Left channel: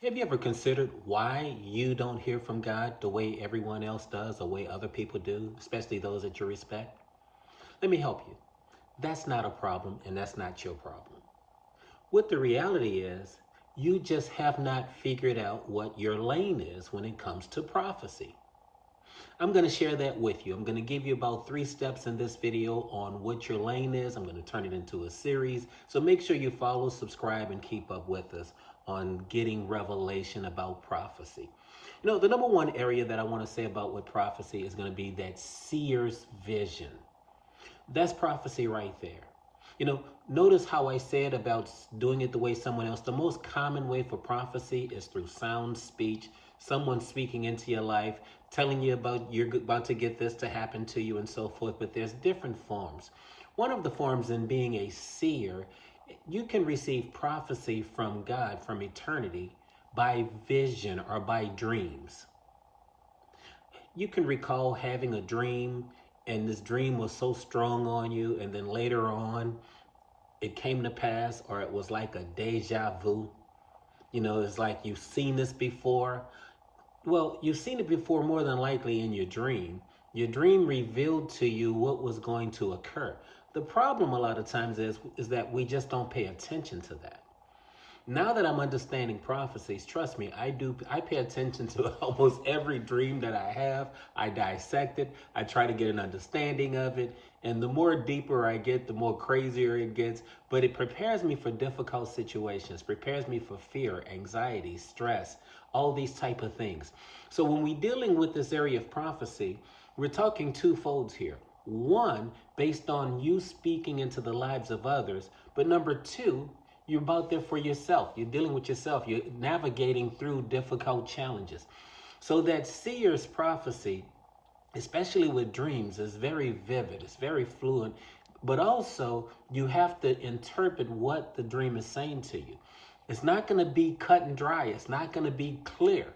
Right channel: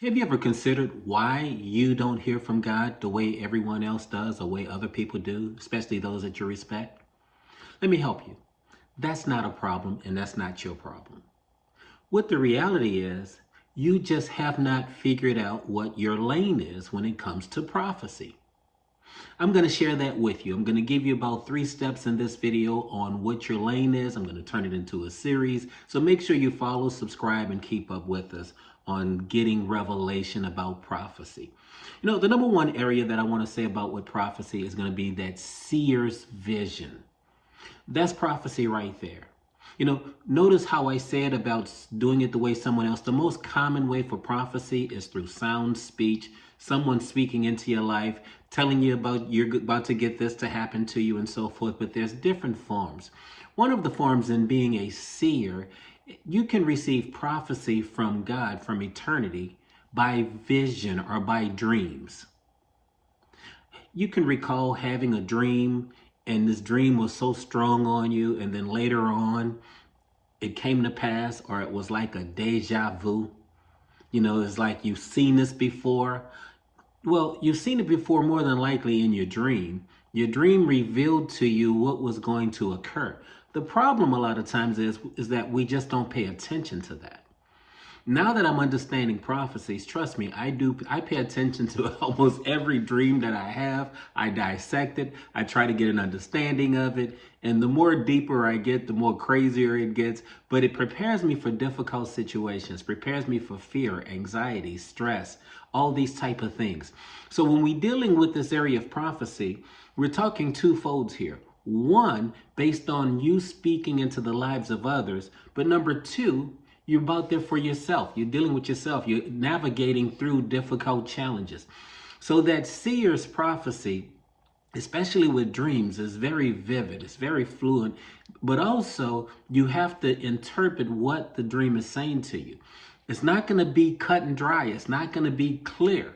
Have you ever considered why you don't hear from God the way everyone else does, or the way other people do, especially those that you respect? Let me help you. That's not a problem, and that's not your problem. What the reality is, you just have not figured out what your lane is when it comes to prophecy. I'm going to share that with you. I'm going to give you about 3 steps in this video on what your lane is. I'm going to turn it into a series. So make sure you follow, subscribe, and keep up with us on getting revelation about prophecy. You know, the number one area that I want to say about what prophecy is going to be that seer's vision. That's prophecy right there. You know, notice how I said about doing it the way someone else. The most common way for prophecy is through sound speech, someone speaking into your life, telling you about you're about to get this to happen to you and so forth. But there's different forms. One of the forms in being a seer, you can receive prophecy from God from eternity by vision or by dreams. You can recall having a dream, and this dream was so strong on you, and then later on it came to pass, or it was like a deja vu. You know, it's like you've seen this before. Well, you've seen it before more than likely in your dream. Your dream revealed to you what was going to occur. The problem a lot of times is that we just don't pay attention to that. Now that I'm understanding prophecies, trust me, I pay attention to almost every dream that I have. I dissect it. I try to get an understanding of it. And the more deeper I get, the more crazier it gets. But it prepares me for difficult situations, prepares me for fear, anxiety, stress, all these type of things. So when we're dealing with this area of prophecy, we're talking two folds here. One, based on you speaking into the lives of others. But number two, you're about there for yourself. You're dealing with yourself. You're navigating through difficult challenges. So that seer's prophecy, especially with dreams, is very vivid. It's very fluent. But also, you have to interpret what the dream is saying to you. It's not going to be cut and dry. It's not going to be clear.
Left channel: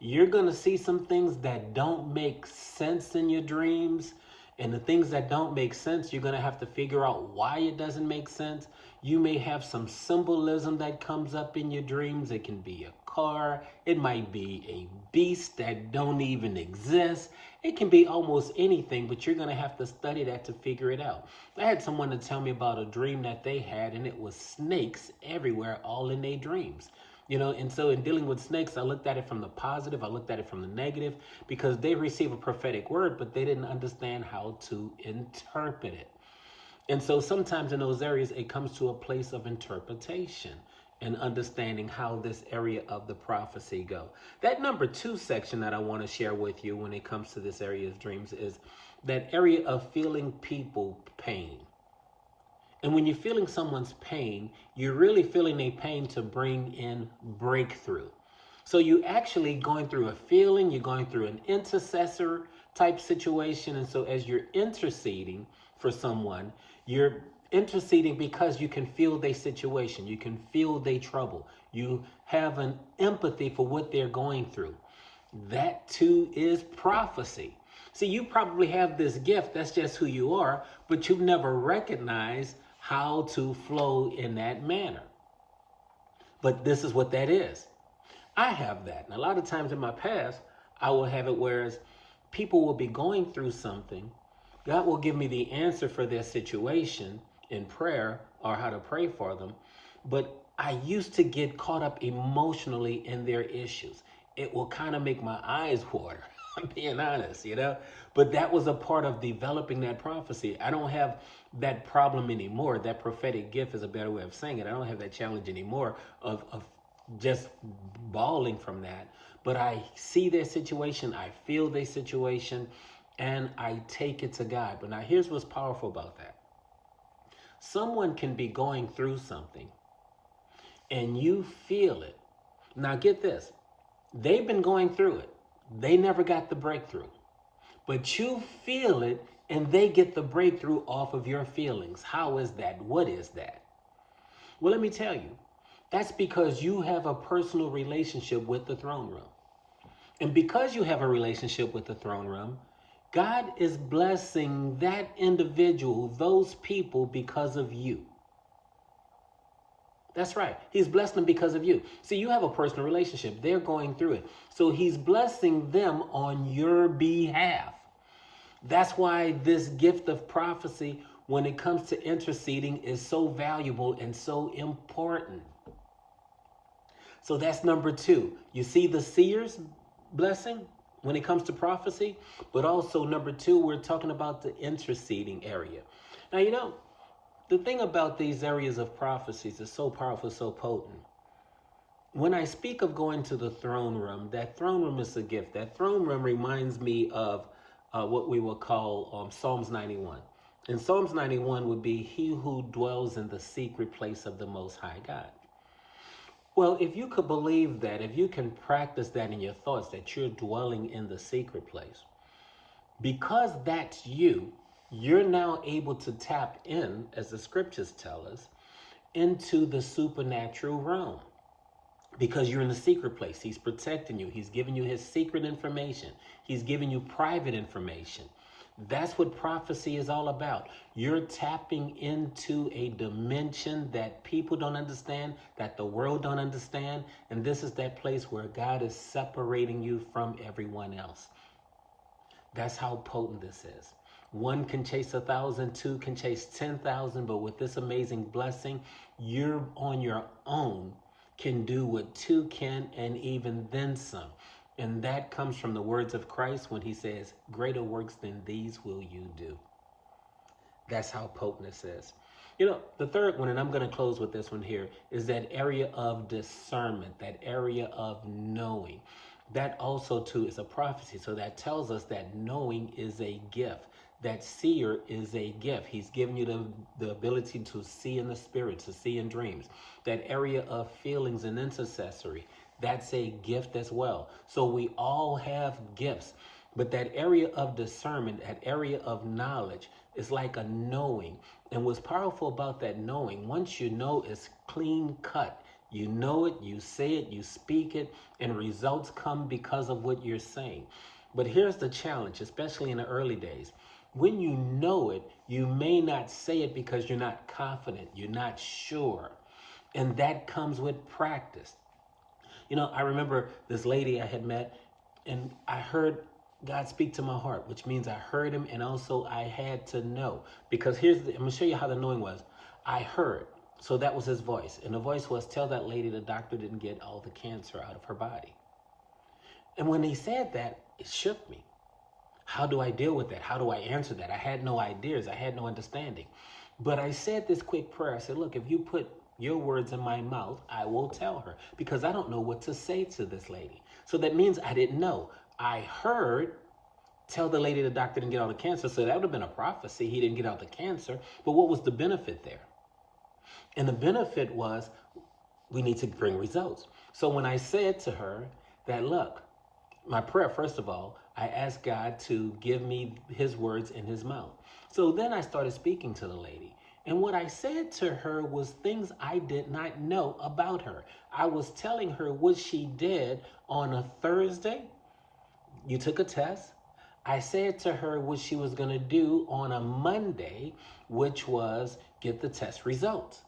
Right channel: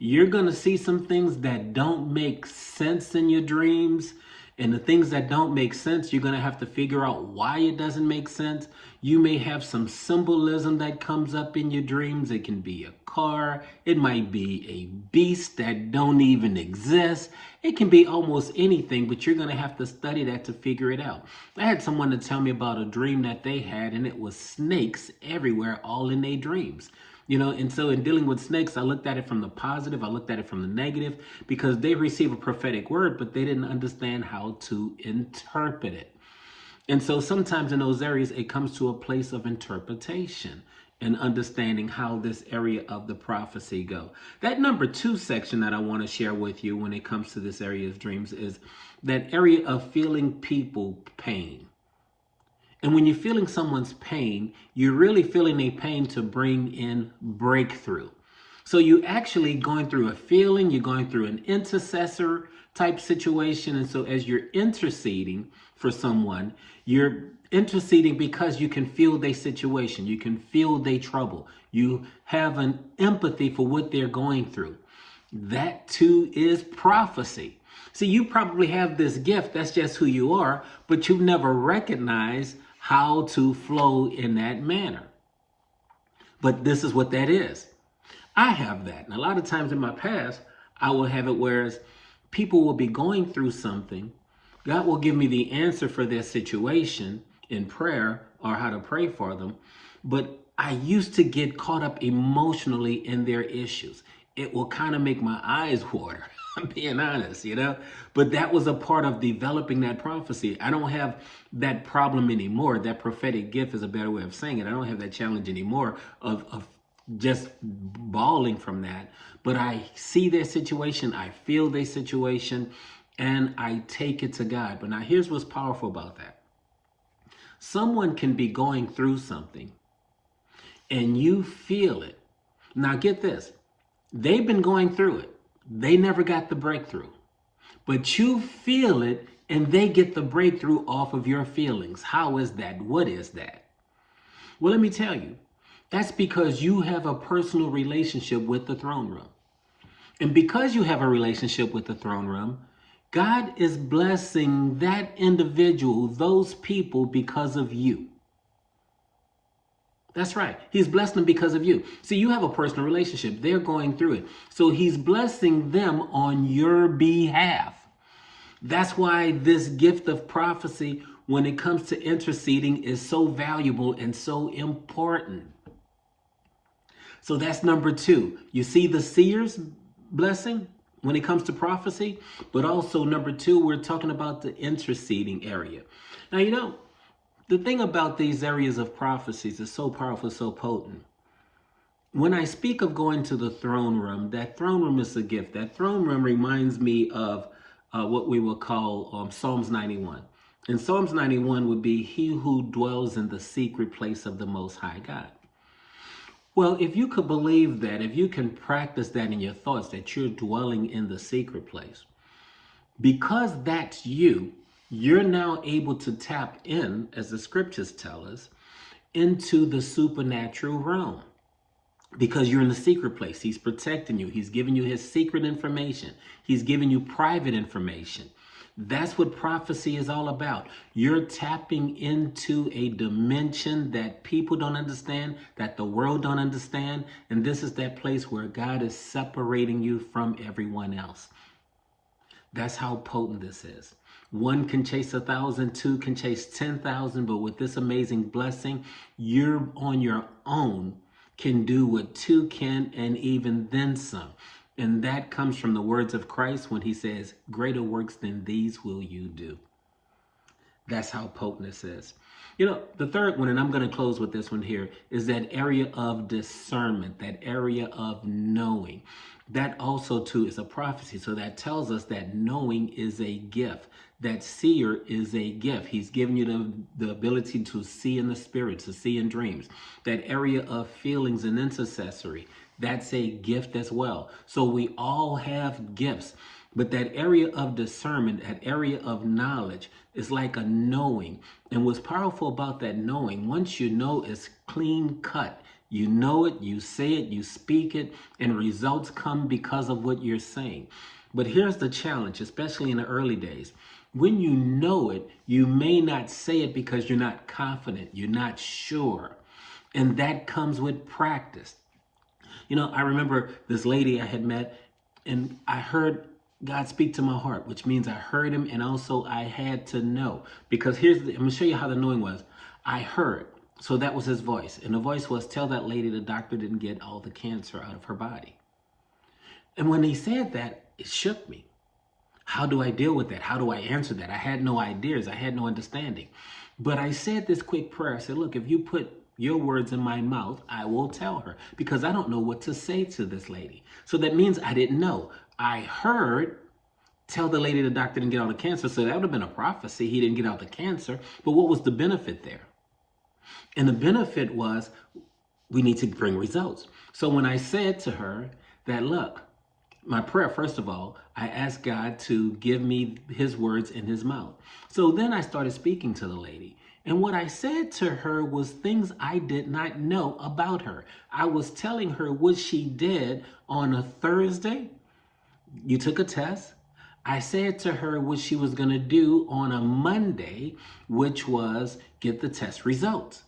You're going to see some things that don't make sense in your dreams. And the things that don't make sense, you're going to have to figure out why it doesn't make sense. You may have some symbolism that comes up in your dreams. It can be a car. It might be a beast that don't even exist. It can be almost anything, but you're going to have to study that to figure it out. I had someone to tell me about a dream that they had, and it was snakes everywhere, all in their dreams. You know, and so in dealing with snakes, I looked at it from the positive, I looked at it from the negative, because they receive a prophetic word, but they didn't understand how to interpret it. And so sometimes in those areas, it comes to a place of interpretation and understanding how this area of the prophecy go. That number 2 section that I want to share with you when it comes to this area of dreams is that area of feeling people pain. And when you're feeling someone's pain, you're really feeling a pain to bring in breakthrough. So you're actually going through a feeling, you're going through an intercessor type situation. And so as you're interceding for someone, you're interceding because you can feel their situation, you can feel their trouble, you have an empathy for what they're going through. That too is prophecy. See, you probably have this gift, that's just who you are, but you've never recognized how to flow in that manner. But this is what that is. I have that. And a lot of times in my past, I will have it whereas people will be going through something. God will give me the answer for their situation in prayer or how to pray for them. But I used to get caught up emotionally in their issues. It will kind of make my eyes water. I'm being honest, you know, but that was a part of developing that prophecy. I don't have that problem anymore. That prophetic gift is a better way of saying it. I don't have that challenge anymore of just bawling from that, but I see their situation, I feel their situation, and I take it to God. But now here's what's powerful about that. Someone can be going through something and you feel it. Now get this, they've been going through it. They never got the breakthrough, but you feel it and they get the breakthrough off of your feelings. How is that? What is that? Well, let me tell you, that's because you have a personal relationship with the throne room. And because you have a relationship with the throne room, God is blessing that individual, those people, because of you. That's right. He's blessed them because of you. See, you have a personal relationship. They're going through it. So he's blessing them on your behalf. That's why this gift of prophecy, when it comes to interceding, is so valuable and so important. So that's number two. You see the seer's blessing when it comes to prophecy, but also number two, we're talking about the interceding area. Now, the thing about these areas of prophecies is so powerful, so potent. When I speak of going to the throne room, that throne room is a gift. That throne room reminds me of what we will call Psalms 91. And Psalms 91 would be, he who dwells in the secret place of the Most High God. Well, if you could believe that, if you can practice that in your thoughts, that you're dwelling in the secret place, because that's you, you're now able to tap in, as the scriptures tell us, into the supernatural realm. Because you're in the secret place. He's protecting you. He's giving you his secret information. He's giving you private information. That's what prophecy is all about. You're tapping into a dimension that people don't understand, that the world don't understand. And this is that place where God is separating you from everyone else. That's how potent this is. One can chase 1,000, two can chase 10,000, but with this amazing blessing, you're on your own, can do what two can, and even then some. And that comes from the words of Christ when he says, greater works than these will you do. That's how potent this is. The third one, and I'm going to close with this one here, is that area of discernment, that area of knowing. That also, too, is a prophecy. So that tells us that knowing is a gift. That seer is a gift. He's given you the ability to see in the spirit, to see in dreams. That area of feelings and intercessory, that's a gift as well. So we all have gifts. But that area of discernment, that area of knowledge, is like a knowing. And what's powerful about that knowing, once you know, it's clean cut. You know it, you say it, you speak it, and results come because of what you're saying. But here's the challenge, especially in the early days. When you know it, you may not say it because you're not confident, you're not sure. And that comes with practice. I remember this lady I had met, and I heard God speak to my heart, which means I heard him, and also I had to know. Because I'm going to show you how the knowing was. I heard. So that was his voice. And the voice was, tell that lady the doctor didn't get all the cancer out of her body. And when he said that, it shook me. How do I deal with that? How do I answer that? I had no ideas. I had no understanding. But I said this quick prayer. I said, look, if you put your words in my mouth, I will tell her, because I don't know what to say to this lady. So that means I didn't know. I heard, tell the lady the doctor didn't get all the cancer. So that would have been a prophecy. He didn't get out the cancer. But what was the benefit there? And the benefit was, we need to bring results. So when I said to her that, look, my prayer, first of all, I asked God to give me his words in his mouth. So then I started speaking to the lady. And what I said to her was things I did not know about her. I was telling her what she did on a Thursday. You took a test. I said to her what she was going to do on a Monday, which was get the test results.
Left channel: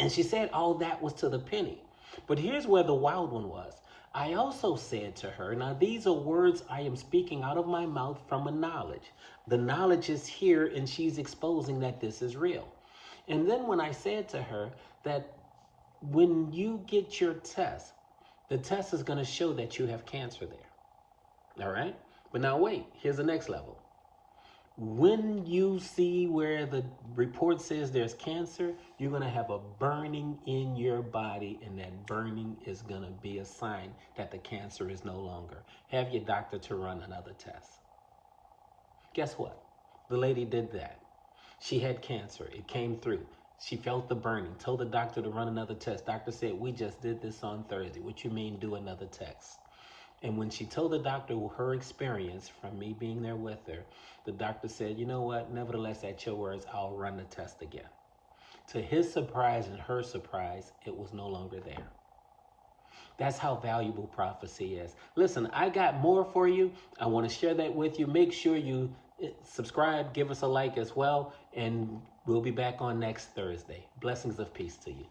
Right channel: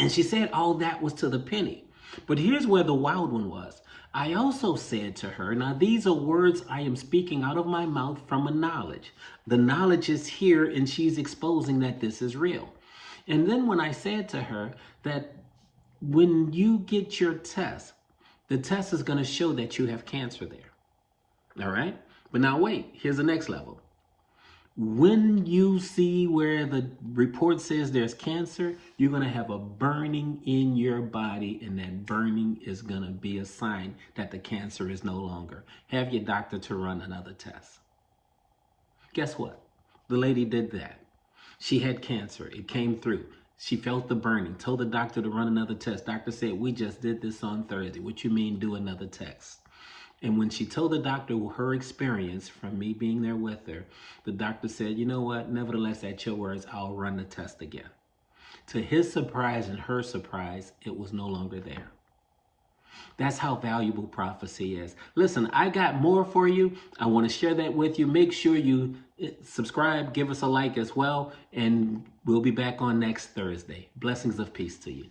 And she said all that was to the penny. But here's where the wild one was. I also said to her, now these are words I am speaking out of my mouth from a knowledge. The knowledge is here, and she's exposing that this is real. And then when I said to her that when you get your test, the test is going to show that you have cancer there. All right? But now wait, here's the next level. When you see where the report says there's cancer, you're going to have a burning in your body, and that burning is going to be a sign that the cancer is no longer. Have your doctor to run another test. Guess what? The lady did that. She had cancer. It came through. She felt the burning, told the doctor to run another test. Doctor said, we just did this on Thursday. What you mean do another test? And when she told the doctor her experience from me being there with her, the doctor said, you know what? Nevertheless, at your words, I'll run the test again. To his surprise and her surprise, it was no longer there. That's how valuable prophecy is. Listen, I got more for you. I want to share that with you. Make sure you subscribe, give us a like as well, and we'll be back on next Thursday. Blessings of peace to you.